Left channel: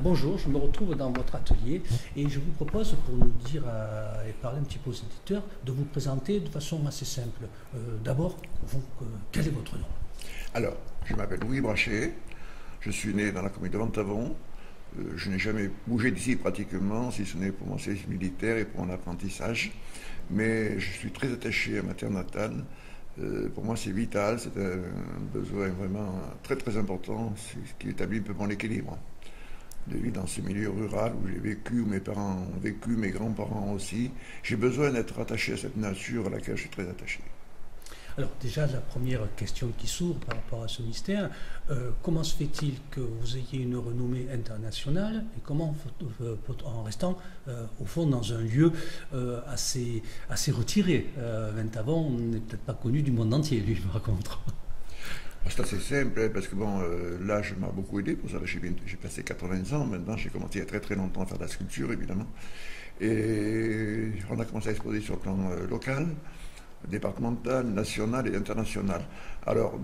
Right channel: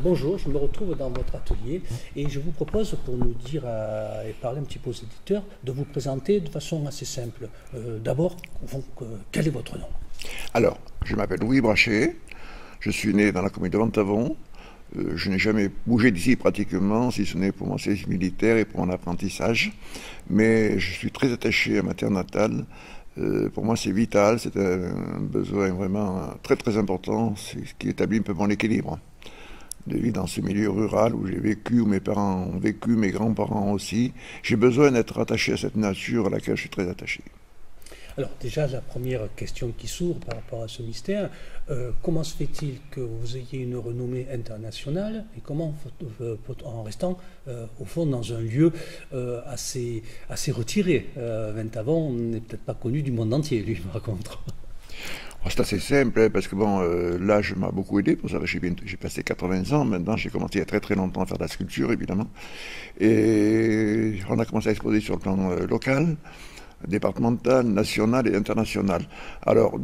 Bonjour, je me retrouve dans votre atelier et je vous propose pour nous dire et parler un petit peu aux éditeurs de vous présenter de façon assez simple. D'abord, quel est votre nom? Alors, je m'appelle Louis Brachet, je suis né dans la commune de Ventavon. Je n'ai jamais bougé d'ici pratiquement, si ce n'est pour mon service militaire et pour mon apprentissage. Mais je suis très attaché à ma terre natale. Pour moi, c'est vital, c'est un besoin vraiment très très important, c'est ce qui établit un peu mon équilibre de vivre dans ce milieu rural où j'ai vécu, où mes parents ont vécu, mes grands-parents aussi. J'ai besoin d'être attaché à cette nature à laquelle je suis très attaché. Alors déjà, la première question qui s'ouvre par rapport à ce mystère, comment se fait-il que vous ayez une renommée internationale et comment, en restant au fond dans un lieu assez retiré, Ventavon n'est peut-être pas connu du monde entier, lui, par contre. C'est assez simple, hein, parce que bon, l'âge m'a beaucoup aidé pour ça. J'ai passé 80 ans maintenant. J'ai commencé il y a très très longtemps à faire de la sculpture, évidemment. Et on a commencé à exposer sur le plan local, départemental, national et international. Alors,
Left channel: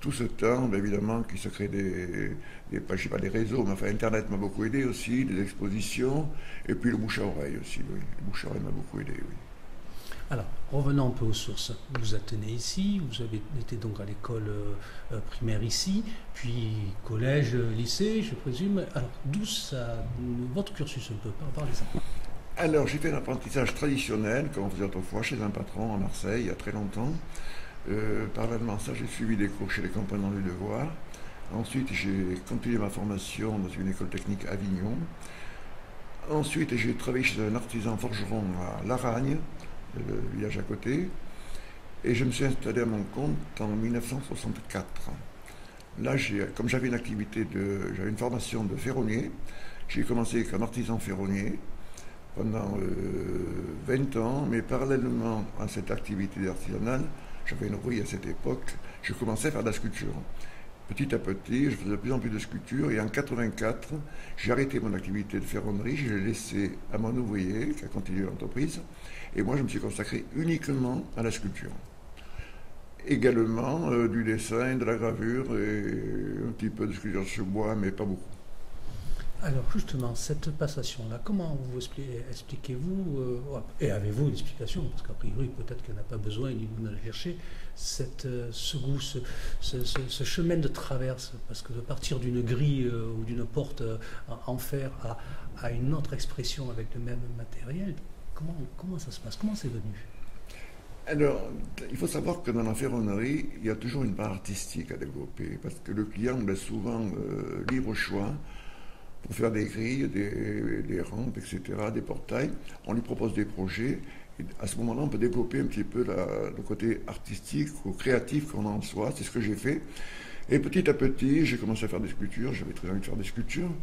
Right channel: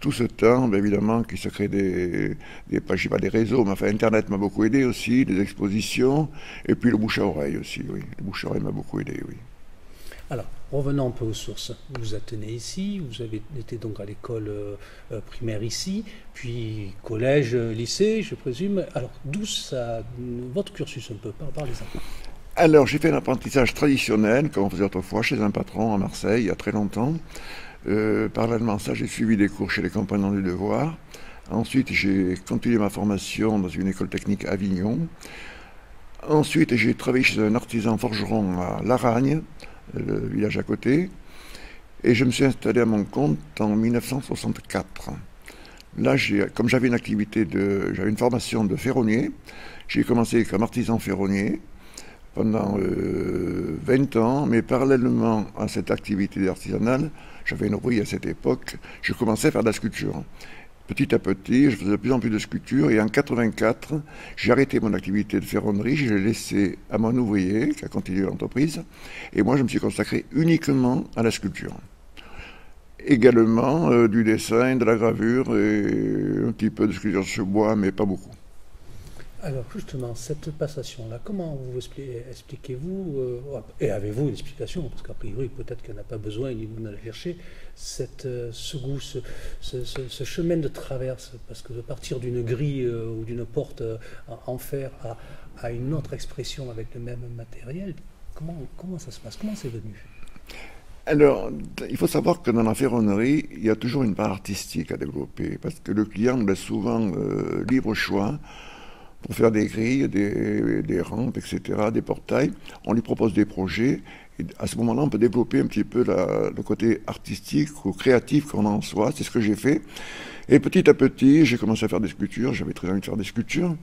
tout ce temps, bien évidemment, qui se crée je sais pas, des réseaux, mais enfin, Internet m'a beaucoup aidé aussi, des expositions, et puis le bouche à oreille aussi, oui. Le bouche à oreille m'a beaucoup aidé, oui. Alors, revenons un peu aux sources. Vous êtes né ici, vous avez été donc à l'école primaire ici, puis collège, lycée, je présume. Alors, votre cursus un peu, parlez-en. Alors, j'ai fait un apprentissage traditionnel, comme on faisait autrefois, chez un patron à Marseille, il y a très longtemps. Parallèlement à ça, j'ai suivi des cours chez les compagnons du devoir. Ensuite, j'ai continué ma formation dans une école technique à Avignon. Ensuite, j'ai travaillé chez un artisan forgeron à Laragne, le village à côté. Et je me suis installé à mon compte en 1964. Là, comme j'avais une formation de ferronnier, j'ai commencé comme artisan ferronnier pendant 20 ans, mais parallèlement à cette activité artisanale, j'avais une rouille à cette époque, je commençais à faire de la sculpture. Petit à petit, je faisais de plus en plus de sculptures et en 84, j'ai arrêté mon activité de ferronnerie, je l'ai laissé à mon ouvrier qui a continué l'entreprise et moi je me suis consacré uniquement à la sculpture. Également du dessin, de la gravure et un petit peu de sculpture sur bois, mais pas beaucoup. Alors, justement, cette passation-là, comment vous expliquez-vous, et avez-vous une explication, parce qu'a priori, peut-être qu'il n'y en a pas besoin, il vous la chercher, ce goût, ce chemin de traverse, parce que de partir d'une grille ou d'une porte en fer à une autre expression avec le même matériel, comment ça se passe? Comment c'est venu? Alors, il faut savoir que dans la ferronnerie, il y a toujours une part artistique à développer, parce que le client laisse souvent libre choix pour faire des grilles, des rampes, etc., des portails. On lui propose des projets. Et à ce moment-là, on peut développer un petit peu le côté artistique ou créatif qu'on a en soi. C'est ce que j'ai fait. Et petit à petit, j'ai commencé à faire des sculptures. J'avais très envie de faire des sculptures.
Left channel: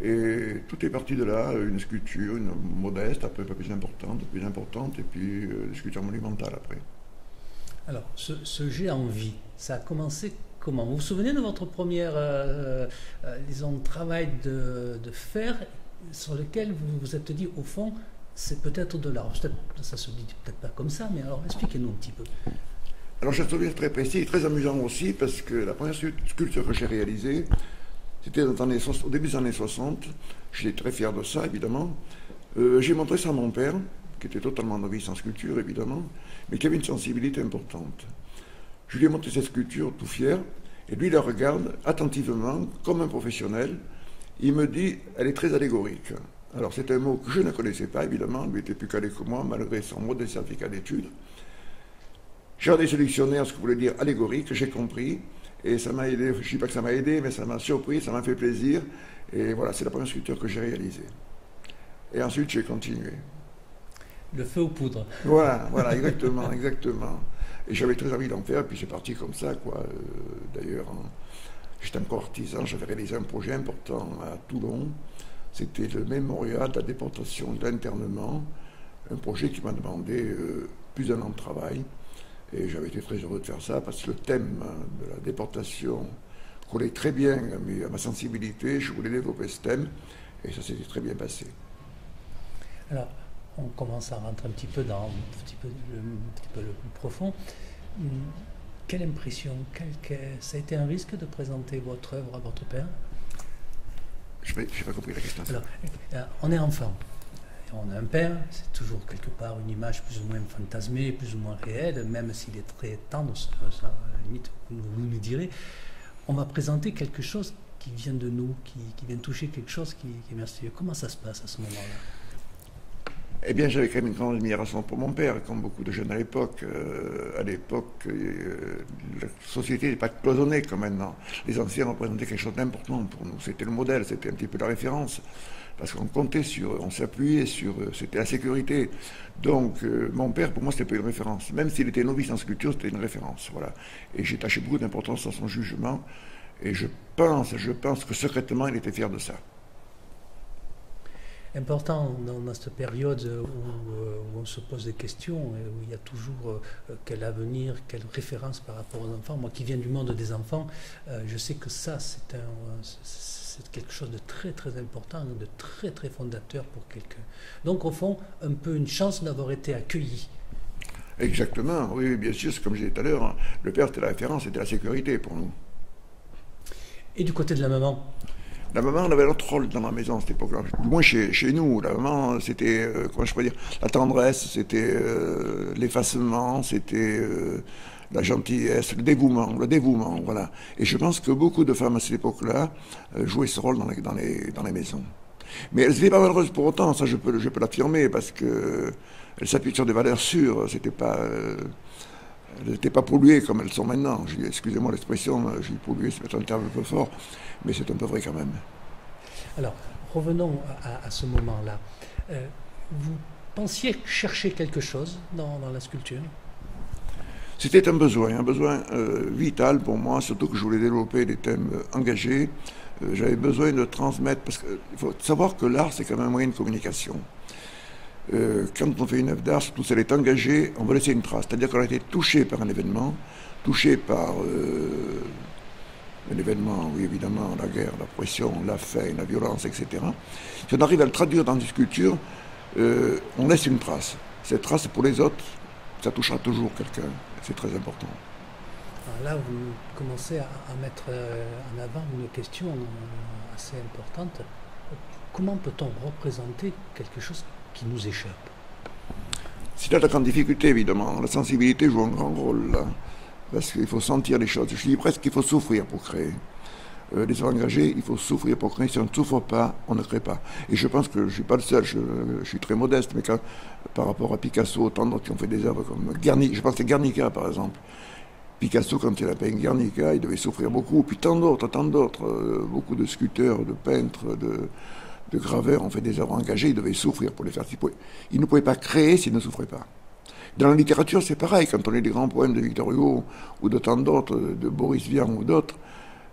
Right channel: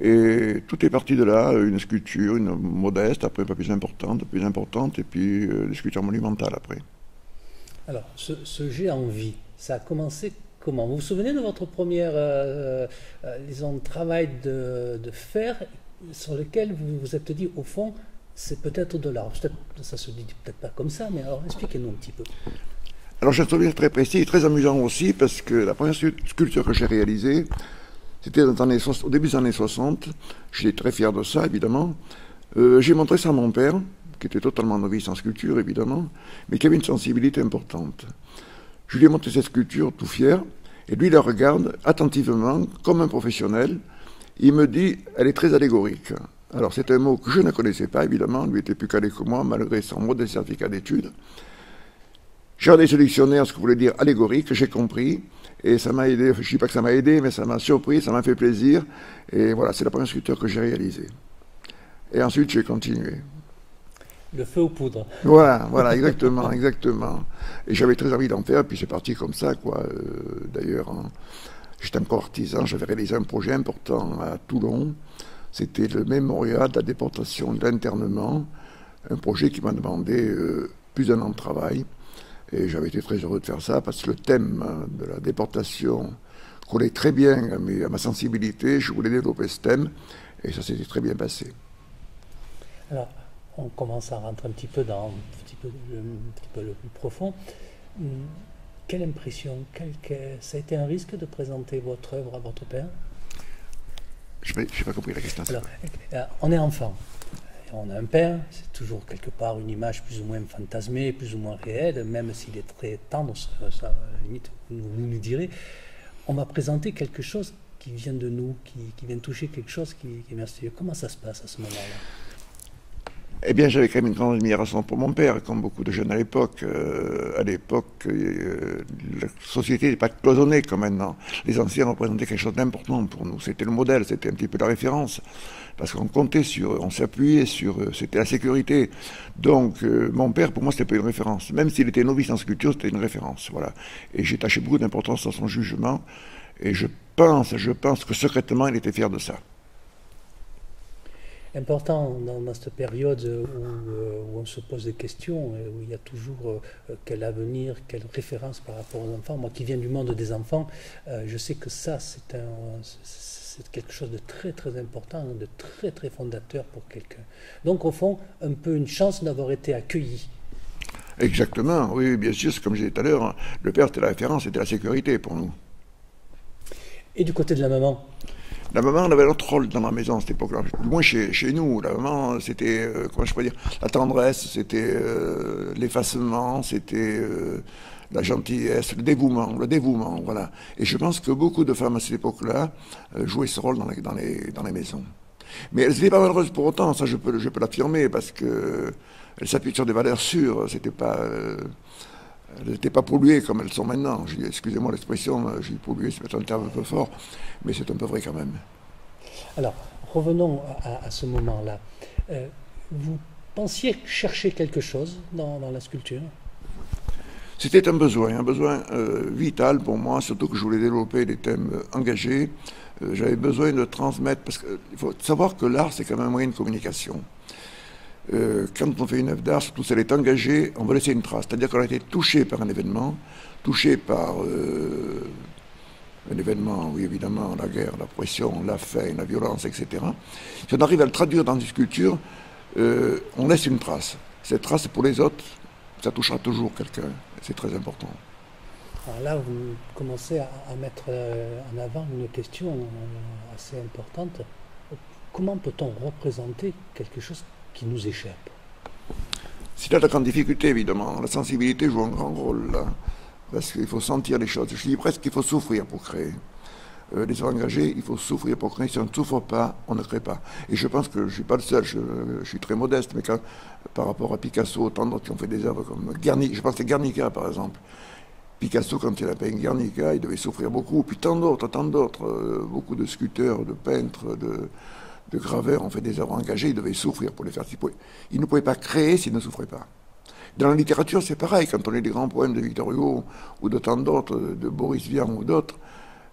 Et tout est parti de là, une sculpture, une modeste, après un peu plus importante, et puis des sculptures monumentales après. Alors, ce jet en vie, ça a commencé comment? Vous vous souvenez de votre première, disons, travail de fer sur lequel vous vous êtes dit, au fond, c'est peut-être de l'art. Ça se dit peut-être pas comme ça, mais alors expliquez-nous un petit peu. Alors j'ai un souvenir très précis et très amusant aussi, parce que la première sculpture que j'ai réalisée, c'était au début des années 60. J'étais très fier de ça, évidemment. J'ai montré ça à mon père, qui était totalement novice en sculpture, évidemment, mais qui avait une sensibilité importante. Je lui ai montré cette sculpture tout fier, et lui la regarde attentivement, comme un professionnel. Il me dit, elle est très allégorique. Alors c'est un mot que je ne connaissais pas, évidemment, lui était plus calé que moi, malgré son modeste certificat d'études. J'ai regardé ce dictionnaire, ce que voulait dire allégorique, j'ai compris, et ça m'a aidé, je ne dis pas que ça m'a aidé, mais ça m'a surpris, ça m'a fait plaisir, et voilà, c'est la première sculpture que j'ai réalisée. Et ensuite, j'ai continué. Le feu aux poudres. Voilà, exactement, exactement. Et j'avais très envie d'en faire, puis c'est parti comme ça, quoi. D'ailleurs, hein, j'étais encore artisan, j'avais réalisé un projet important à Toulon. C'était le mémorial de la déportation et de l'internement, un projet qui m'a demandé plus d'un an de travail. Et j'avais été très heureux de faire ça, parce que le thème de la déportation collait très bien à ma sensibilité. Je voulais développer ce thème, et ça s'était très bien passé. Alors, on commence à rentrer un petit peu dans un petit peu le plus profond. Quelle impression, ça a été un risque de présenter votre œuvre à votre père? n'ai pas compris la question. Alors, on est enfant. On a un père, c'est toujours quelque part une image plus ou moins fantasmée, plus ou moins réelle, même s'il est très tendre, ça, à la limite, vous nous direz. On va présenter quelque chose qui vient de nous, qui vient toucher quelque chose qui est merveilleux. Comment ça se passe à ce moment-là? Eh bien, j'avais quand même une grande admiration pour mon père, comme beaucoup de jeunes à l'époque. La société n'est pas cloisonnée comme maintenant. Les anciens représentaient quelque chose d'important pour nous. C'était le modèle, c'était un petit peu la référence. Parce qu'on comptait sur, on s'appuyait sur, c'était la sécurité. Donc, mon père, pour moi, c'était pas une référence. Même s'il était novice en sculpture, c'était une référence. Voilà. Et j'ai taché beaucoup d'importance dans son jugement. Et je pense que secrètement, il était fier de ça. Important dans cette période où on se pose des questions, où il y a toujours quel avenir, quelle référence par rapport aux enfants. Moi qui viens du monde des enfants, je sais que ça, c'est quelque chose de très très important, de très très fondateur pour quelqu'un. Donc au fond, un peu une chance d'avoir été accueilli. Exactement, oui, bien sûr, comme je disais tout à l'heure, le père c'était la référence, c'était la sécurité pour nous. Et du côté de la maman? La maman, elle avait notre rôle dans la maison à cette époque-là. Du moins chez nous. La maman, c'était, comment je pourrais dire, la tendresse, c'était l'effacement, c'était la gentillesse, le dévouement, voilà. Et je pense que beaucoup de femmes à cette époque-là jouaient ce rôle dans les maisons. Mais elles n'étaient pas malheureuses pour autant, ça je peux l'affirmer, parce qu'elles s'appuient sur des valeurs sûres, elles n'étaient pas polluées comme elles sont maintenant. Excusez-moi l'expression, j'ai pollué, c'est peut-être un terme un peu fort, mais c'est un peu vrai quand même. Alors, revenons à ce moment-là. Vous pensiez chercher quelque chose dans la sculpture? C'était un besoin vital pour moi, surtout que je voulais développer des thèmes engagés. J'avais besoin de transmettre, parce qu'il faut savoir que l'art, c'est quand même un moyen de communication. Quand on fait une œuvre d'art, surtout si elle est engagée, on va laisser une trace. C'est-à-dire qu'on a été touché par un événement, touché par un événement, oui évidemment, la guerre, la pression, la faim, la violence, etc. Si on arrive à le traduire dans une sculpture, on laisse une trace. Cette trace, pour les autres, ça touchera toujours quelqu'un. C'est très important. Alors là, vous commencez à mettre en avant une question assez importante. Comment peut-on représenter quelque chose qui nous échappe? C'est là la grande difficulté, évidemment. La sensibilité joue un grand rôle, là. Parce qu'il faut sentir les choses. Je dis presque qu'il faut souffrir pour créer. Les engagés, il faut souffrir pour créer. Si on ne souffre pas, on ne crée pas. Et je pense que je ne suis pas le seul, je suis très modeste, mais par rapport à Picasso, tant d'autres qui ont fait des œuvres comme Guernica, je pense à Guernica par exemple. Picasso, quand il a peint Guernica, il devait souffrir beaucoup. Puis tant d'autres, beaucoup de sculpteurs, de peintres, de graveurs ont fait des œuvres engagées, ils devaient souffrir pour les faire. Ils ne pouvaient pas créer s'ils ne souffraient pas. Dans la littérature, c'est pareil. Quand on lit des grands poèmes de Victor Hugo ou de tant d'autres, de Boris Vian ou d'autres,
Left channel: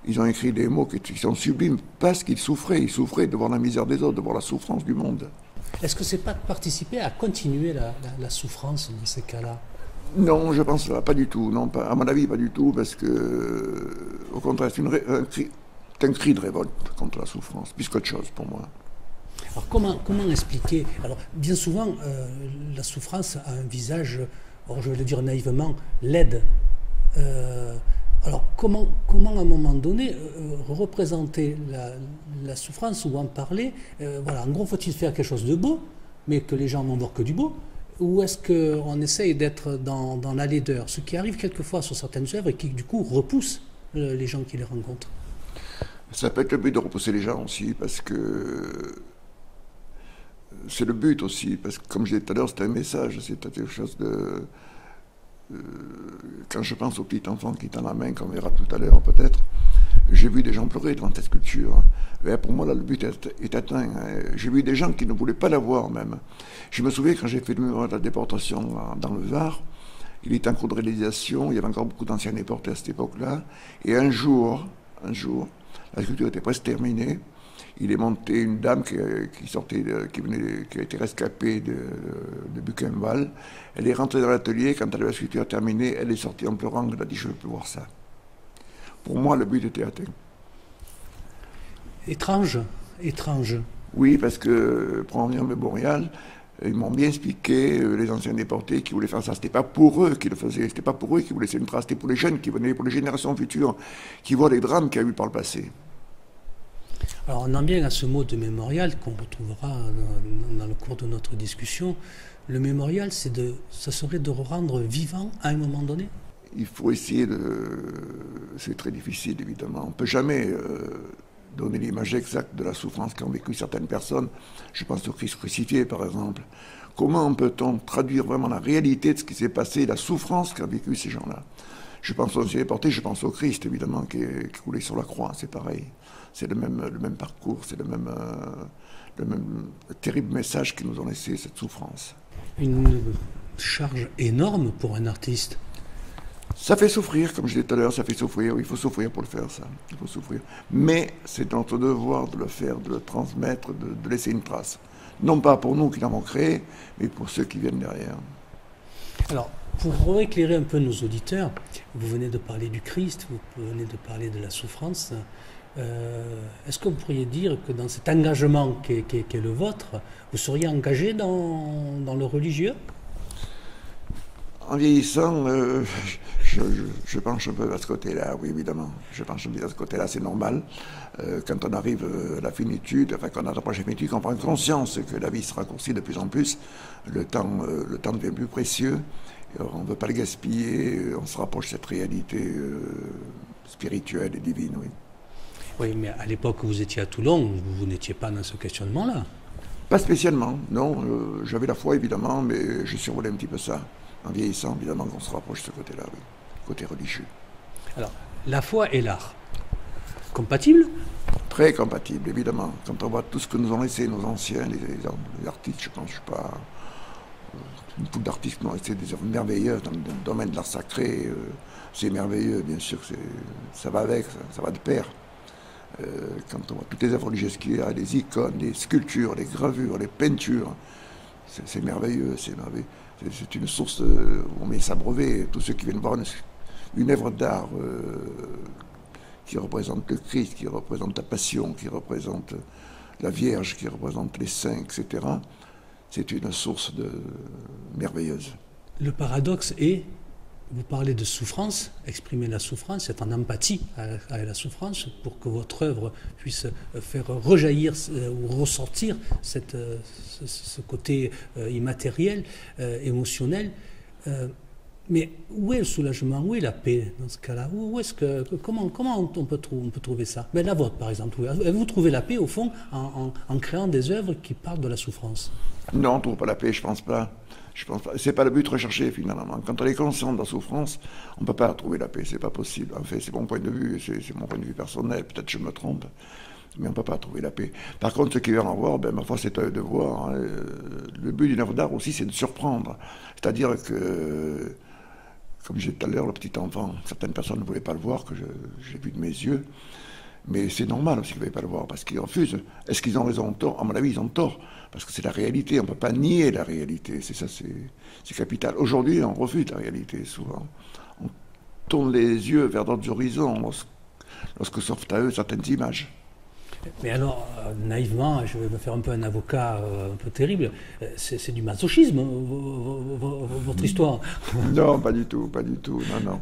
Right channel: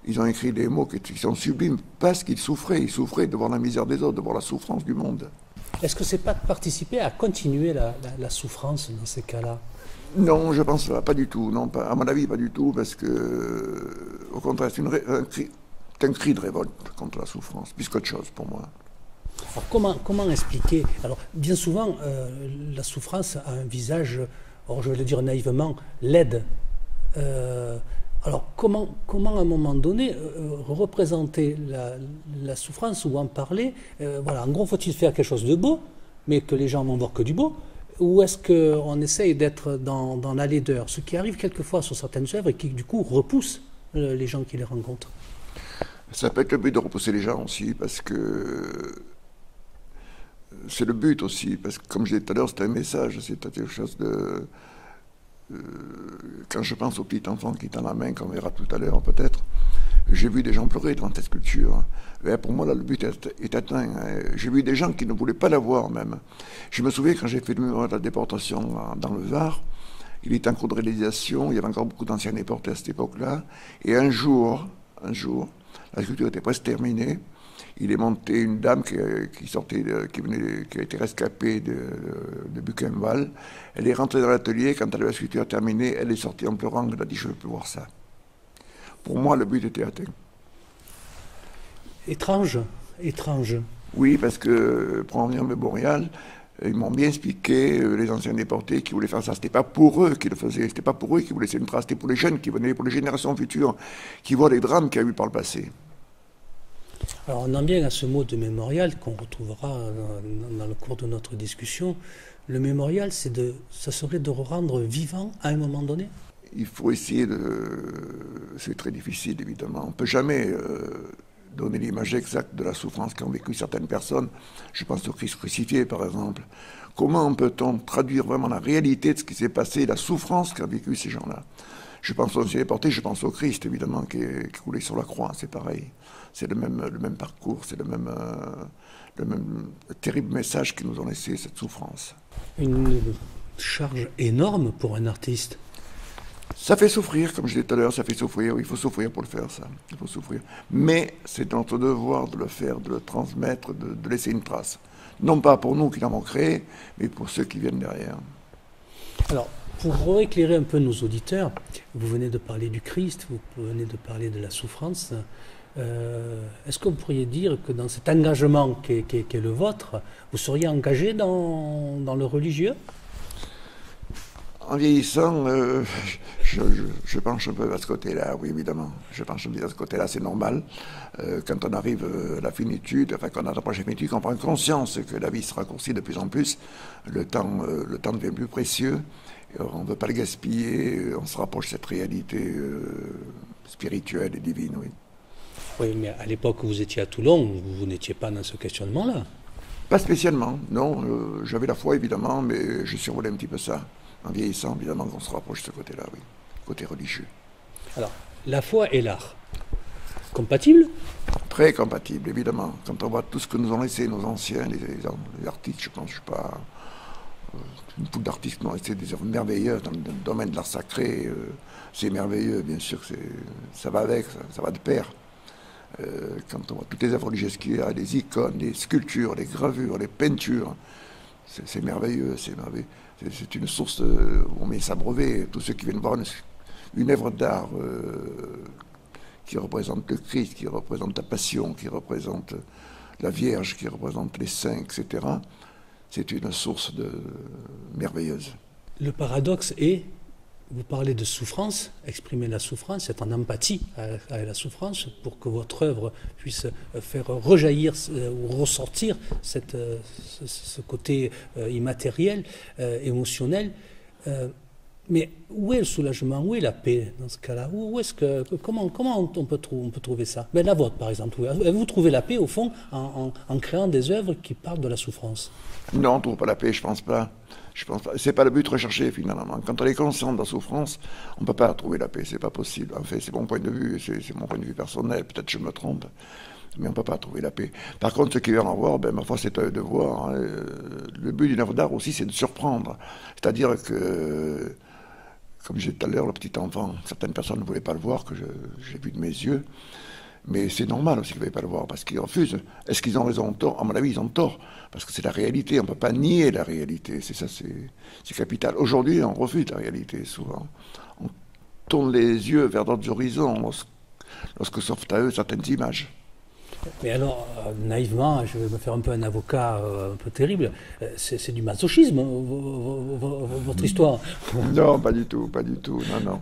ils ont écrit des mots qui sont sublimes parce qu'ils souffraient. Ils souffraient de voir la misère des autres, de voir la souffrance du monde. Est-ce que c'est pas de participer à continuer la souffrance dans ces cas-là? Non, je pense pas du tout. Non, pas, à mon avis, pas du tout, parce que, au contraire, c'est un cri de révolte contre la souffrance, plus qu'autre chose pour moi. Alors comment expliquer? Alors bien souvent, la souffrance a un visage, je vais le dire naïvement, laide. Alors comment à un moment donné représenter la souffrance ou en parler? Voilà, en gros, faut-il faire quelque chose de beau, mais que les gens vont voir que du beau? Ou est-ce qu'on essaye d'être dans la laideur? Ce qui arrive quelquefois sur certaines œuvres et qui du coup repousse les gens qui les rencontrent. Ça peut être le but de repousser les gens aussi, parce que c'est le but aussi, parce que comme je disais tout à l'heure, c'est un message, c'est quelque chose de... quand je pense au petit enfant qui tend la main, qu'on verra tout à l'heure peut-être, j'ai vu des gens pleurer devant cette sculpture. Et pour moi, là, le but est atteint. J'ai vu des gens qui ne voulaient pas la voir même. Je me souviens quand j'ai fait le mémoire de la déportation dans le Var, il était en cours de réalisation, il y avait encore beaucoup d'anciens déportés à cette époque-là, et un jour, la sculpture était presque terminée. Il est monté une dame qui a été rescapée de Buchenwald. Elle est rentrée dans l'atelier. Quand elle avait la sculpture terminée, elle est sortie en pleurant. Elle a dit: je ne veux plus voir ça. Pour moi, le but était atteint. Étrange. Oui, parce que pour en venir au mémorial, ils m'ont bien expliqué, les anciens déportés qui voulaient faire ça. C'était pas pour eux qu'ils le faisaient. C'était pas pour eux qui voulaient laisser une trace. C'était pour les jeunes qui venaient, pour les générations futures, qui voient les drames qu'il y a eu par le passé. Alors on en vient à ce mot de mémorial qu'on retrouvera dans le cours de notre discussion. Le mémorial, ça serait de rendre vivant à un moment donné? Il faut essayer C'est très difficile, évidemment. On ne peut jamais donner l'image exacte de la souffrance qu'ont vécu certaines personnes. Je pense au Christ crucifié, par exemple. Comment peut-on traduire vraiment la réalité de ce qui s'est passé, la souffrance qu'ont vécu ces gens-là? Je pense aux déportés, je pense au Christ, évidemment, qui roulait sur la croix, c'est pareil. C'est le même parcours, c'est le même terrible message qu'ils nous ont laissé, cette souffrance. Une charge énorme pour un artiste. Ça fait souffrir, comme je disais tout à l'heure, ça fait souffrir. Il faut souffrir pour le faire, ça. Il faut souffrir. Mais c'est notre devoir de le faire, de le transmettre, de laisser une trace. Non pas pour nous qui l'avons créé, mais pour ceux qui viennent derrière. Alors, pour éclairer un peu nos auditeurs, vous venez de parler du Christ, vous venez de parler de la souffrance. Est-ce que vous pourriez dire que dans cet engagement qui est le vôtre, vous seriez engagé dans le religieux? En vieillissant, je penche un peu à ce côté-là, oui, évidemment. Je penche un peu à ce côté-là, c'est normal. Quand on arrive à la finitude, enfin, quand on approche la finitude, qu'on prend conscience que la vie se raccourcit de plus en plus, le temps devient plus précieux, on ne veut pas le gaspiller, on se rapproche de cette réalité spirituelle et divine, oui. Oui, mais à l'époque où vous étiez à Toulon, vous n'étiez pas dans ce questionnement-là. Pas spécialement, non. J'avais la foi, évidemment, mais je survolais un petit peu ça. En vieillissant, évidemment, qu'on se rapproche de ce côté-là, oui. Côté religieux. Alors, la foi et l'art, compatibles? Très compatibles, évidemment. Quand on voit tout ce que nous ont laissé nos anciens, les artistes, je pense, je ne suis pas une foule d'artistes qui ont laissé des œuvres merveilleuses dans le domaine de l'art sacré. C'est merveilleux, bien sûr, ça va avec, ça va de pair. Quand on voit toutes les œuvres religieuses qu'il y a, les icônes, les sculptures, les gravures, les peintures, c'est merveilleux, c'est merveilleux. C'est une source où on met s'abreuver. Tous ceux qui viennent voir une œuvre d'art qui représente le Christ, qui représente la Passion, qui représente la Vierge, qui représente les saints, etc., c'est une source merveilleuse. Le paradoxe est, vous parlez de souffrance, exprimer la souffrance, être en empathie avec la souffrance pour que votre œuvre puisse faire rejaillir ou ressortir ce côté immatériel, émotionnel. Mais où est le soulagement? Où est la paix dans ce cas-là? Comment on peut trouver ça? La vôtre, par exemple. Vous trouvez la paix, au fond, en créant des œuvres qui parlent de la souffrance? Non, on ne trouve pas la paix, je pense pas. C'est pas le but recherché, finalement. Quand on est conscient de la souffrance, on ne peut pas trouver la paix, c'est pas possible. En fait, c'est mon point de vue, c'est mon point de vue personnel, peut-être je me trompe, mais on ne peut pas trouver la paix. Par contre, ceux qui viennent en voir, ma foi, c'est à eux de voir. Hein. Le but d'une œuvre d'art aussi, c'est de surprendre. C'est-à-dire que, comme j'ai dit tout à l'heure, le petit enfant, certaines personnes ne voulaient pas le voir, que j'ai vu de mes yeux, mais c'est normal aussi qu'ils ne veulent pas le voir, parce qu'ils refusent. Est-ce qu'ils ont raison ou tort? À mon avis, ils ont tort, parce que c'est la réalité, on ne peut pas nier la réalité, c'est ça, c'est capital. Aujourd'hui, on refuse la réalité, souvent. On tourne les yeux vers d'autres horizons lorsque s'offrent à eux certaines images. Mais alors, naïvement, je vais me faire un peu un avocat un peu terrible, c'est du masochisme, votre histoire. Non, pas du tout, non.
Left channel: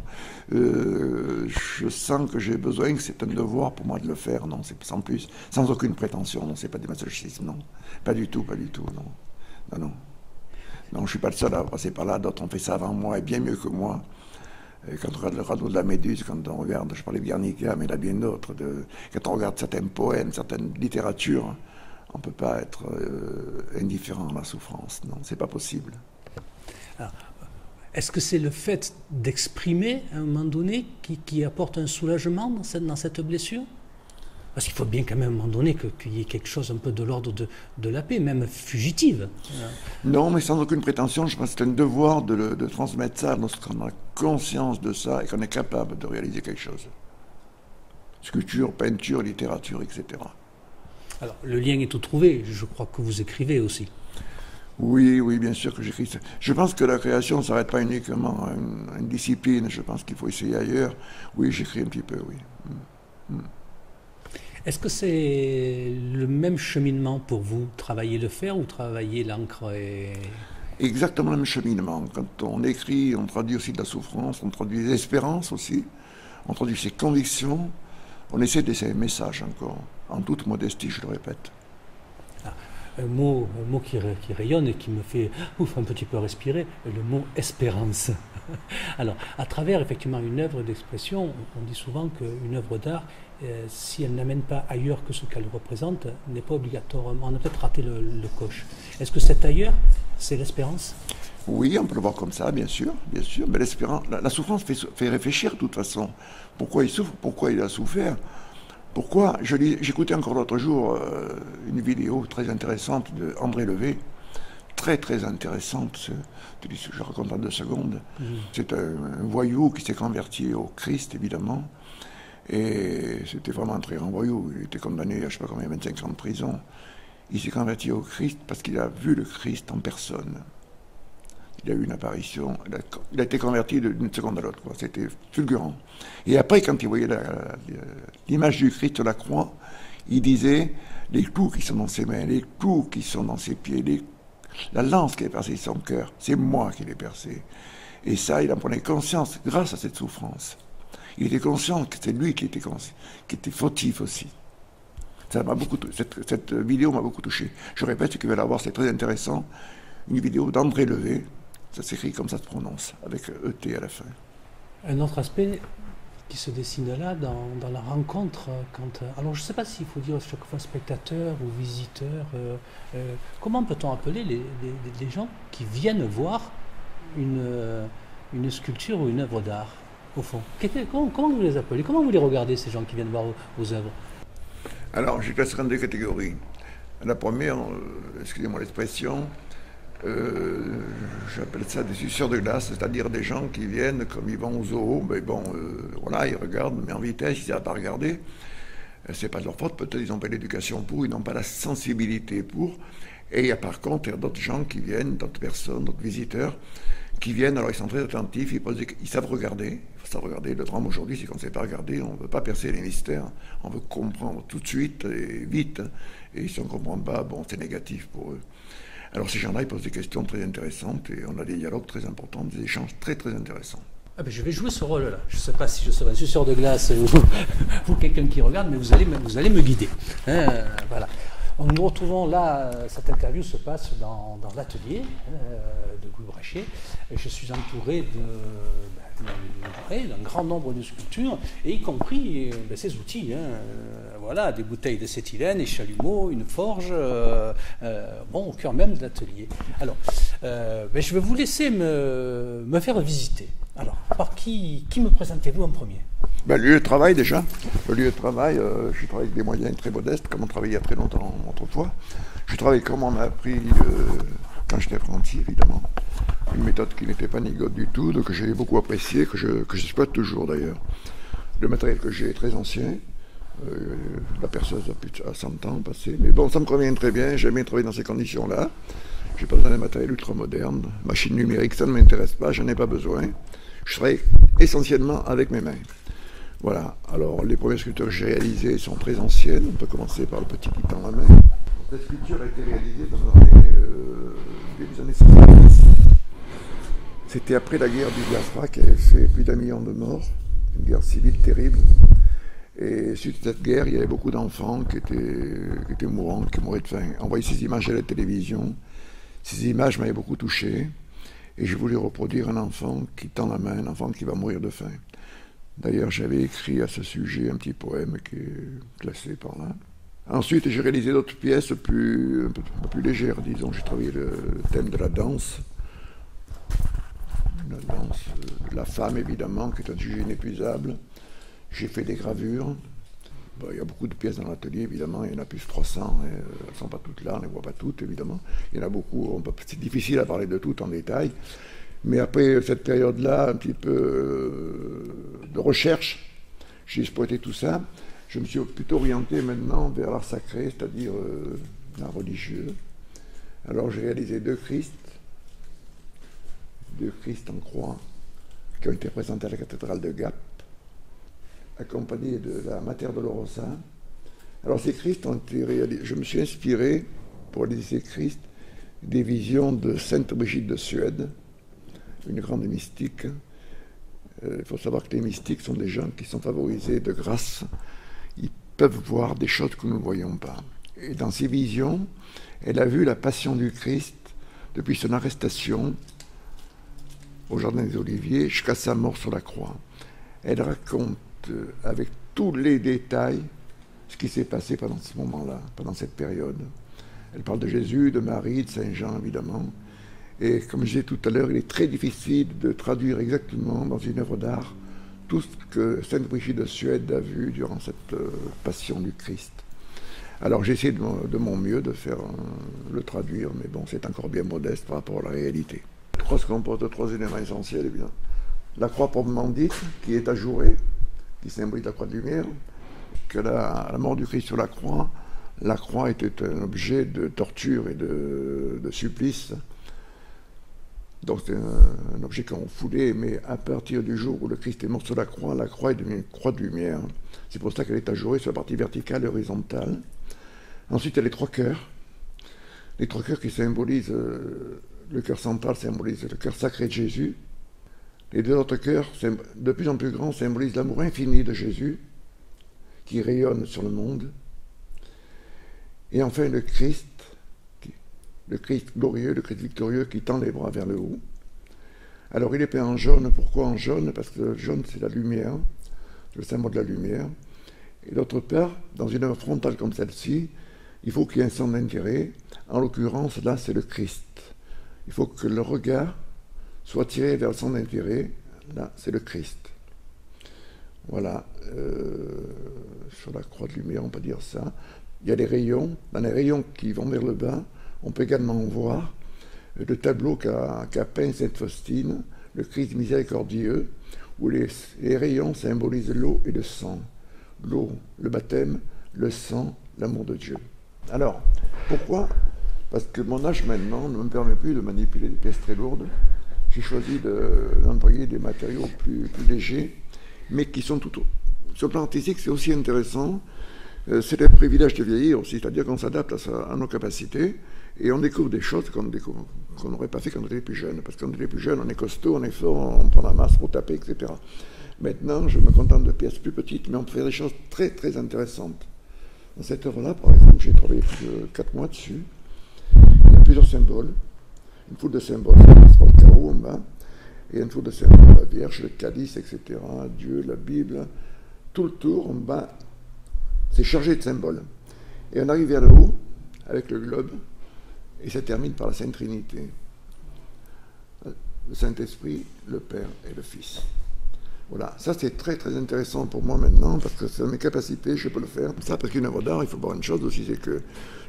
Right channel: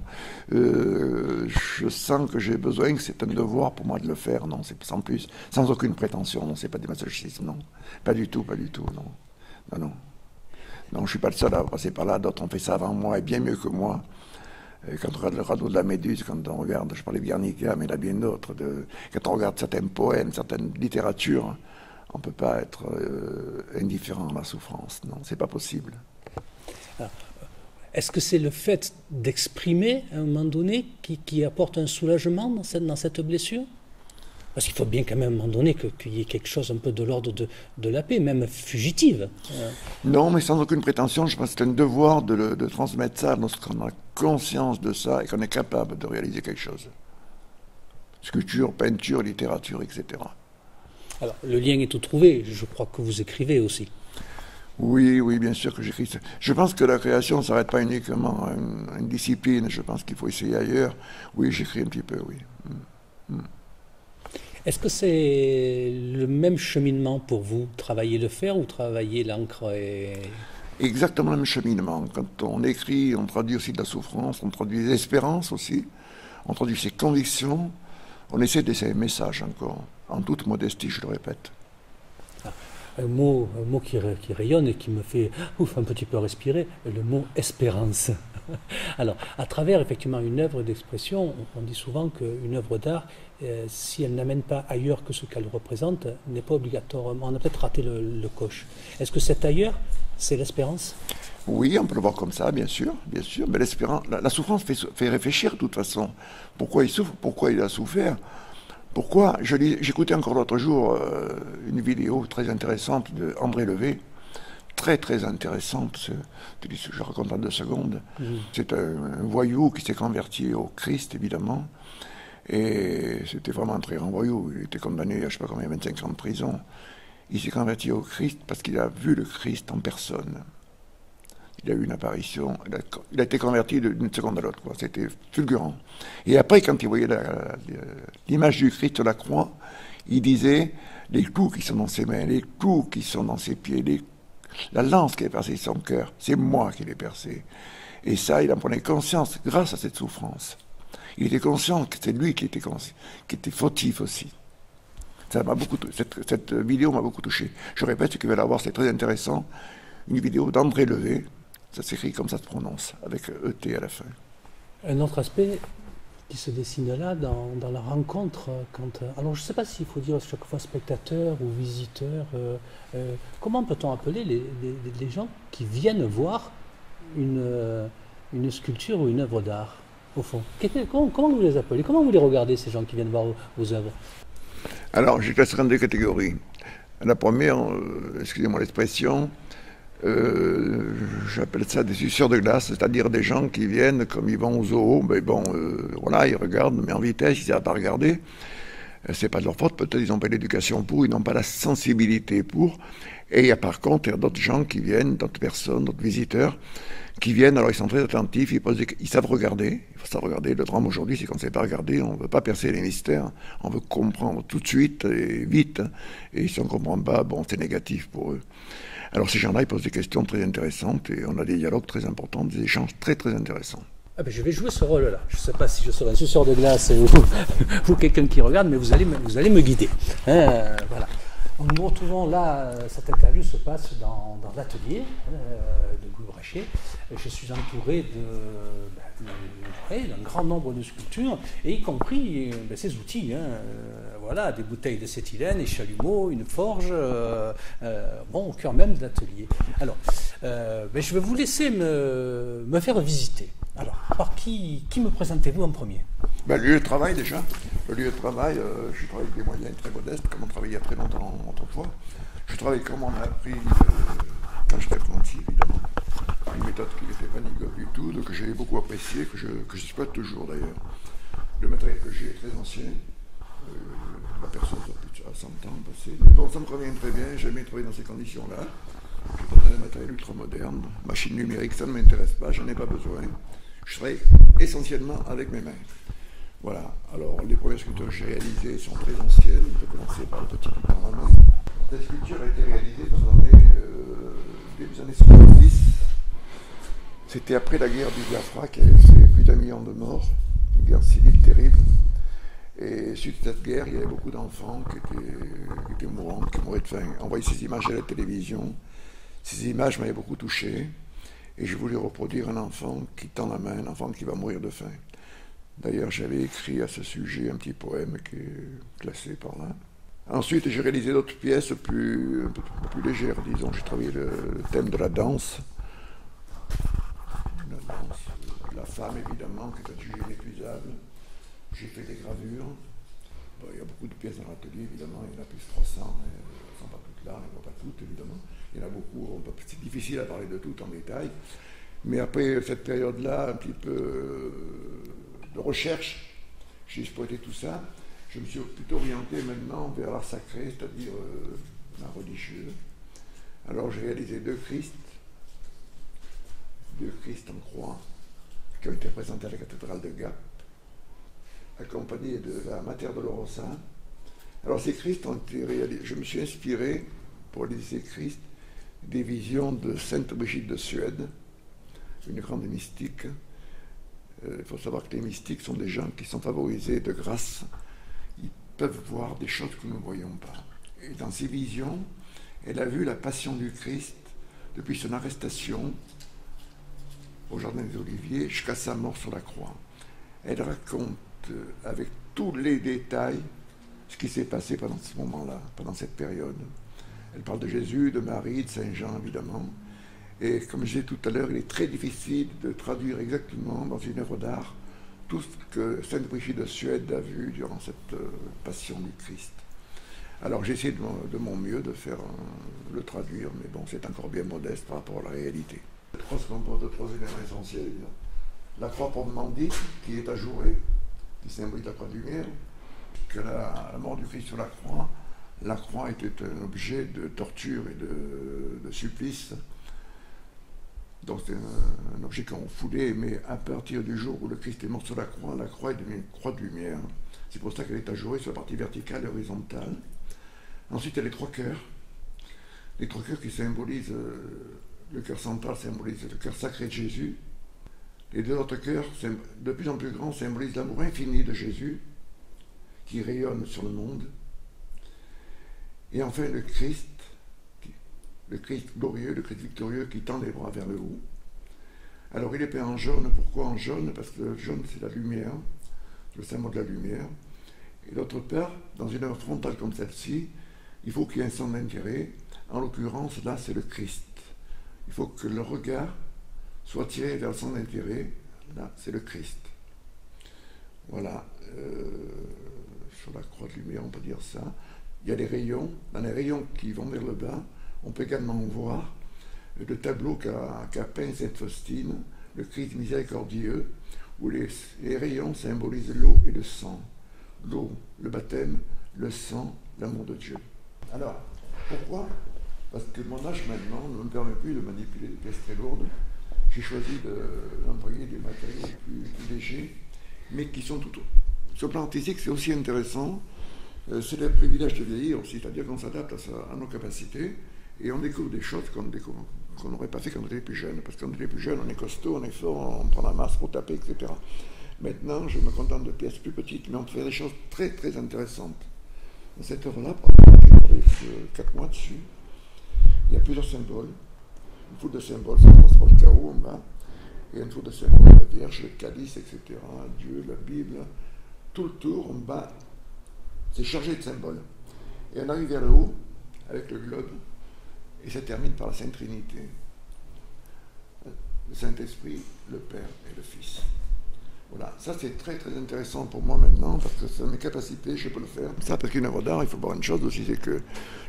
Je sens que j'ai besoin, que c'est un devoir pour moi de le faire, non, c'est sans plus, sans aucune prétention, non, c'est pas du masochisme, non. Pas du tout, non. Non, je ne suis pas le seul à passer par là, d'autres ont fait ça avant moi et bien mieux que moi. Quand on regarde le radeau de la Méduse, quand on regarde, je parlais de Guernica, mais il y en a bien d'autres, quand on regarde certains poèmes, certaines littératures, on ne peut pas être indifférent à la souffrance. Non, c'est pas possible. Alors, est-ce que c'est le fait d'exprimer à un moment donné qui apporte un soulagement dans cette blessure? Parce qu'il faut bien quand même à un moment donné qu'il y ait quelque chose un peu de l'ordre de la paix, même fugitive. Non, mais sans aucune prétention, je pense que c'est un devoir de transmettre ça lorsqu'on a conscience de ça et qu'on est capable de réaliser quelque chose. Sculpture, peinture, littérature, etc. Alors, le lien est tout trouvé, je crois que vous écrivez aussi. Oui, bien sûr que j'écris. Je pense que la création ne s'arrête pas uniquement à une discipline, je pense qu'il faut essayer ailleurs. Oui, j'écris un petit peu, oui. Est-ce que c'est le même cheminement pour vous, travailler le fer ou travailler l'encre Exactement le même cheminement. Quand on écrit, on traduit aussi de la souffrance, on traduit des espérances aussi, on traduit ses convictions, On essaie de laisser un message encore, en toute modestie, je le répète. Un mot qui rayonne et qui me fait un petit peu respirer, le mot espérance. Alors, à travers effectivement une œuvre d'expression, on dit souvent qu'une œuvre d'art, si elle n'amène pas ailleurs que ce qu'elle représente, n'est pas obligatoirement. On a peut-être raté le coche. Est-ce que cet ailleurs, c'est l'espérance? Oui, on peut le voir comme ça, bien sûr, mais l'espérance, la souffrance fait réfléchir de toute façon. Pourquoi il souffre, pourquoi il a souffert? Pourquoi? J'écoutais encore l'autre jour une vidéo très intéressante d'André Levé, très très intéressante, je raconte en 2 secondes. C'est un voyou qui s'est converti au Christ, évidemment, et c'était vraiment un très grand voyou. Il était condamné à je ne sais pas combien, 25 ans de prison. Il s'est converti au Christ parce qu'il a vu le Christ en personne. Il a eu une apparition, il a été converti d'une seconde à l'autre, c'était fulgurant. Et après, quand il voyait l'image du Christ sur la croix, il disait, les clous qui sont dans ses mains, les clous qui sont dans ses pieds, la lance qui a percé son cœur, c'est moi qui l'ai percé. Et ça, il en prenait conscience grâce à cette souffrance. Il était conscient que c'était lui qui était fautif aussi. Ça m'a beaucoup, cette vidéo m'a beaucoup touché. Je répète, ce que vous allez voir, c'est très intéressant. Une vidéo d'André Levé. Ça s'écrit comme ça se prononce, avec ET à la fin. Un autre aspect qui se dessine là, dans la rencontre, alors je ne sais pas s'il faut dire chaque fois spectateur ou visiteur, comment peut-on appeler les gens qui viennent voir une sculpture ou une œuvre d'art, au fond? Comment vous les appelez? Comment vous les regardez, ces gens qui viennent voir vos œuvres? Alors, je classerai en 2 catégories. La première, excusez-moi l'expression, j'appelle ça des suceurs de glace, c'est-à-dire des gens qui viennent comme ils vont au zoo, mais bon, voilà, ils regardent, mais en vitesse, ils ne savent pas regarder. C'est pas de leur faute, peut-être ils n'ont pas l'éducation pour, ils n'ont pas la sensibilité pour. Et il y a par contre, il y a d'autres gens qui viennent, d'autres personnes, d'autres visiteurs, qui viennent, alors ils sont très attentifs, ils savent regarder, il faut savoir regarder. Le drame aujourd'hui, c'est qu'on ne sait pas regarder, on ne veut pas percer les mystères, on veut comprendre tout de suite et vite, et si on ne comprend pas, bon, c'est négatif pour eux. Alors ces gens-là, ils posent des questions très intéressantes et on a des dialogues très importants, des échanges très très intéressants. Ah ben je vais jouer ce rôle-là. Je ne sais pas si je serai un suceur de glace ou quelqu'un qui regarde, mais vous allez me guider. Voilà. Nous retrouvons là, cette interview se passe dans l'atelier de Louis Brachet. Je suis entouré d'un grand nombre de sculptures, et y compris ces outils. Voilà, des bouteilles de cétylène, des chalumeaux, une forge, au cœur même de l'atelier. Alors, je vais vous laisser me faire visiter. Alors, par qui me présentez-vous en premier? Le lieu de travail déjà. Le lieu de travail, je travaille avec des moyens très modestes, comme on travaillait il y a très longtemps autrefois. Je travaille comme on m'a appris quand j'étais apprenti, évidemment. Une méthode qui n'était pas nigote du tout, que j'ai beaucoup appréciée, que j'exploite toujours d'ailleurs. Le matériel que j'ai est très ancien. La perceuse a plus de 100 ans passé. Mais bon, ça me convient très bien. J'aime bien travailler dans ces conditions-là. Je n'ai pas besoin de matériel ultra moderne. Machine numérique, ça ne m'intéresse pas, j'en ai pas besoin. Je travaille essentiellement avec mes mains. Voilà, alors les premières sculptures que j'ai réalisées sont très anciennes. On peut commencer par le petit qui tend la main. Cette sculpture a été réalisée dans les années 70. C'était après la guerre du Biafra qui avait fait plus d'1 million de morts, une guerre civile terrible. Et suite à cette guerre, il y avait beaucoup d'enfants qui étaient mourants, qui mouraient de faim. On voyait ces images à la télévision. Ces images m'avaient beaucoup touché. Et je voulais reproduire un enfant qui tend la main, un enfant qui va mourir de faim. D'ailleurs, j'avais écrit à ce sujet un petit poème qui est classé par là. Ensuite, j'ai réalisé d'autres pièces un peu plus légères, disons. J'ai travaillé le thème de la danse. La danse de la femme, évidemment, qui est un sujet inépuisable. J'ai fait des gravures. Il y a beaucoup de pièces dans l'atelier, évidemment. Il y en a plus de 300. Elles ne sont pas toutes là, on ne les voit pas toutes, évidemment. Il y en a beaucoup. C'est difficile à parler de toutes en détail. Mais après cette période-là, un petit peu de recherche, j'ai exploité tout ça. Je me suis plutôt orienté maintenant vers l'art sacré, c'est-à-dire l'art religieux. Alors j'ai réalisé 2 Christ en croix, qui ont été présentés à la cathédrale de Gap, accompagnés de la Mater Dolorosa. Alors ces Christ ont été réalisés. Je me suis inspiré, pour réaliser ces Christ, des visions de Sainte Brigitte de Suède, une grande mystique. Il faut savoir que les mystiques sont des gens qui sont favorisés de grâce. ils peuvent voir des choses que nous ne voyons pas. Et dans ces visions, elle a vu la passion du Christ depuis son arrestation au Jardin des Oliviers jusqu'à sa mort sur la croix. Elle raconte avec tous les détails ce qui s'est passé pendant ce moment-là, pendant cette période. Elle parle de Jésus, de Marie, de Saint Jean, évidemment. Et comme je disais tout à l'heure, il est très difficile de traduire exactement dans une œuvre d'art tout ce que Sainte Brigitte de Suède a vu durant cette passion du Christ. Alors j'ai essayé de mon mieux de faire le traduire, mais bon, c'est encore bien modeste par rapport à la réalité. La croix se compose de 3 éléments essentiels, évidemment. La croix proprement dite, qui est ajourée, qui symbolise la croix de lumière, que la mort du Christ sur la croix était un objet de torture et de supplice. Donc c'est un objet qu'on foulait, mais à partir du jour où le Christ est mort sur la croix est devenue une croix de lumière. C'est pour ça qu'elle est ajourée sur la partie verticale et horizontale. Ensuite, il y a les 3 cœurs. Les 3 cœurs qui symbolisent, le cœur central symbolise le cœur sacré de Jésus. Les 2 autres cœurs, de plus en plus grands, symbolisent l'amour infini de Jésus, qui rayonne sur le monde. Et enfin, le Christ glorieux, le Christ victorieux qui tend les bras vers le haut. Alors il est peint en jaune. Pourquoi en jaune? Parce que le jaune c'est la lumière, le symbole de la lumière. Et d'autre part, dans une œuvre frontale comme celle-ci, il faut qu'il y ait un centre d'intérêt. En l'occurrence, là c'est le Christ. Il faut que le regard soit tiré vers le centre d'intérêt. Là c'est le Christ. Voilà. Sur la croix de lumière, on peut dire ça. Il y a des rayons. Dans les rayons qui vont vers le bas, on peut également voir le tableau qu'a peint Sainte Faustine, le Christ miséricordieux, où les rayons symbolisent l'eau et le sang. L'eau, le baptême, le sang, l'amour de Dieu. Alors, pourquoi? Parce que mon âge maintenant ne me permet plus de manipuler des pièces très lourdes. J'ai choisi d'employer des matériaux plus légers, mais qui sont tout... Sur le plan artistique, c'est aussi intéressant. C'est le privilège de vieillir aussi, c'est-à-dire qu'on s'adapte à nos capacités. Et on découvre des choses qu'on n'aurait pas fait quand on était plus jeune. Parce que quand on était plus jeune, on est costaud, on est fort, on prend la masse pour taper, etc. Maintenant, je me contente de pièces plus petites, mais on peut faire des choses très, très intéressantes. Dans cette œuvre-là, par exemple, j'ai travaillé plus de 4 mois dessus. Il y a plusieurs symboles. Une foule de symboles, ça passe par le carreau en bas. Et une foule de symboles, la Vierge, le calice, etc. Dieu, la Bible. Tout le tour, en bas, c'est chargé de symboles. Et on arrive vers le haut, avec le globe. Et ça termine par la Sainte Trinité. Le Saint-Esprit, le Père et le Fils. Voilà, ça c'est très très intéressant pour moi maintenant, parce que c'est mes capacités, je peux le faire. Ça, parce qu'une œuvre d'art, il faut voir une chose aussi, c'est que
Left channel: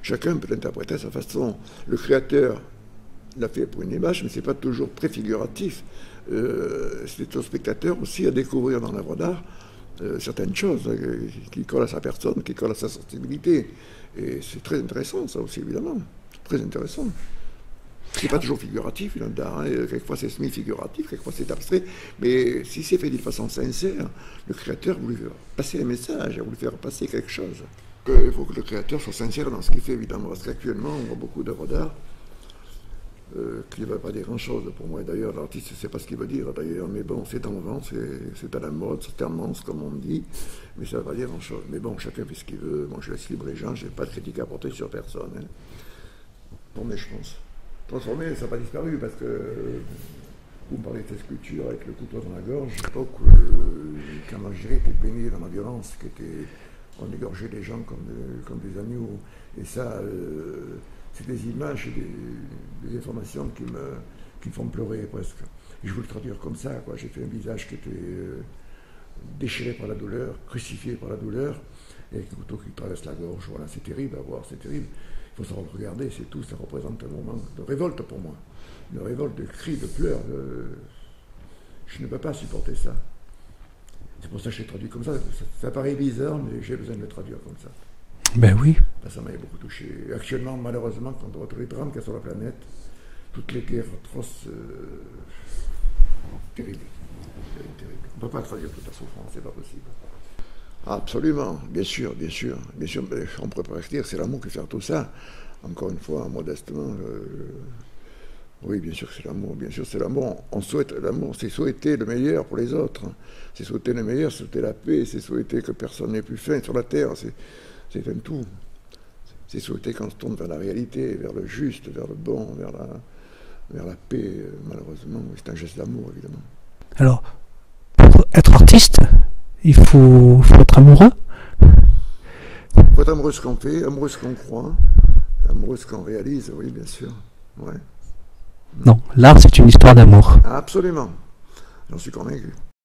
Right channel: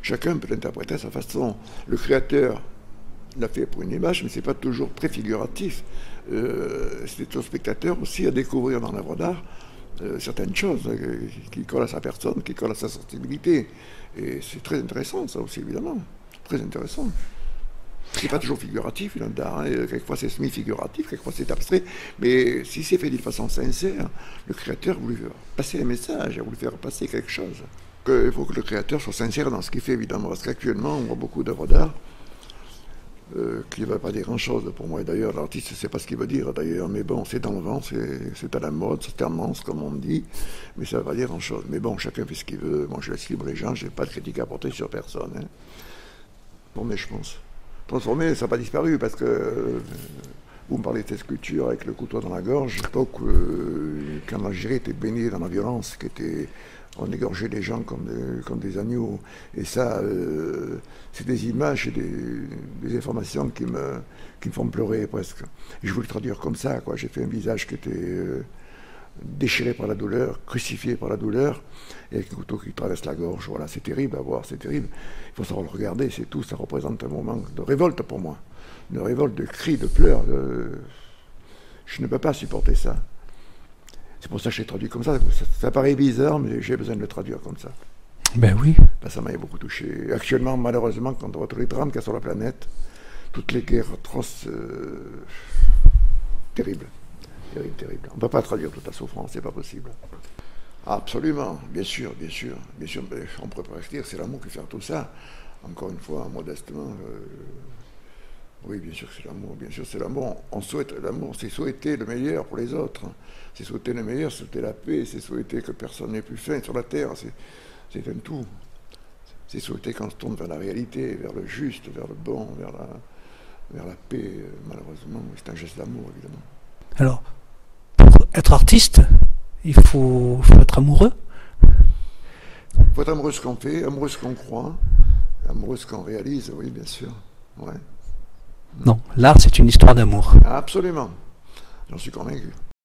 chacun peut l'interpréter à sa façon. Le créateur l'a fait pour une image, mais ce n'est pas toujours préfiguratif. C'est au spectateur aussi à découvrir dans l'œuvre d'art certaines choses qui collent à sa personne, qui collent à sa sensibilité. Et c'est très intéressant, ça aussi, évidemment. Très intéressant. C'est pas toujours figuratif, une œuvre d'art. Hein. Quelquefois c'est semi-figuratif, quelquefois c'est abstrait. Mais si c'est fait d'une façon sincère, le créateur a voulu faire passer un message, a voulu faire passer quelque chose. Il faut que le créateur soit sincère dans ce qu'il fait, évidemment. Parce qu'actuellement, on voit beaucoup d'œuvres d'art qui ne veulent pas dire grand-chose pour moi. Et d'ailleurs, l'artiste ne sait pas ce qu'il veut dire, d'ailleurs. Mais bon, c'est dans le vent, c'est à la mode, c'est tendance, comme on dit. Mais ça ne veut pas dire grand-chose. Mais bon, chacun fait ce qu'il veut. Moi, je laisse libre les gens, je n'ai pas de critique à apporter sur personne. Hein. Transformé, je pense. Transformé, ça n'a pas disparu, parce que vous me parlez de ces sculptures avec le couteau dans la gorge. À l'époque, quand l'Algérie était baignée dans la violence, on égorgeait les gens comme des agneaux. Et ça, c'est des images et des informations qui me font pleurer presque. Et je voulais le traduire comme ça, quoi. J'ai fait un visage qui était déchiré par la douleur, crucifié par la douleur, et avec un couteau qui traverse la gorge. Voilà, c'est terrible à voir, c'est terrible. Il faut savoir le regarder, c'est tout. Ça représente un moment de révolte pour moi. De révolte, de cris, de pleurs. Je ne peux pas supporter ça. C'est pour ça que je l'ai traduit comme ça. Ça paraît bizarre, mais j'ai besoin de le traduire comme ça. Ben oui. Ça m'a beaucoup touché. Actuellement, malheureusement, quand on voit tous les drames qu'il y a sur la planète, toutes les guerres atroces, terribles. Terrible. On ne peut pas traduire toute la souffrance, c'est pas possible. Absolument, bien sûr. Mais on pourrait pas dire, c'est l'amour qui fait tout ça. Encore une fois, modestement, Oui, bien sûr que c'est l'amour, bien sûr c'est l'amour. On souhaite l'amour, c'est souhaiter le meilleur pour les autres. C'est souhaiter le meilleur, c'est souhaiter la paix, c'est souhaiter que personne n'ait plus faim sur la terre. C'est un tout. C'est souhaiter qu'on se tourne vers la réalité, vers le juste, vers le bon, vers la paix, malheureusement. C'est un geste d'amour, évidemment. Alors, pour être artiste, il faut être amoureux. Il faut être amoureux de ce qu'on fait, amoureux de ce qu'on croit, amoureux de ce qu'on réalise, oui, bien sûr. Ouais. Non, l'art, c'est une histoire d'amour. Absolument. J'en suis convaincu.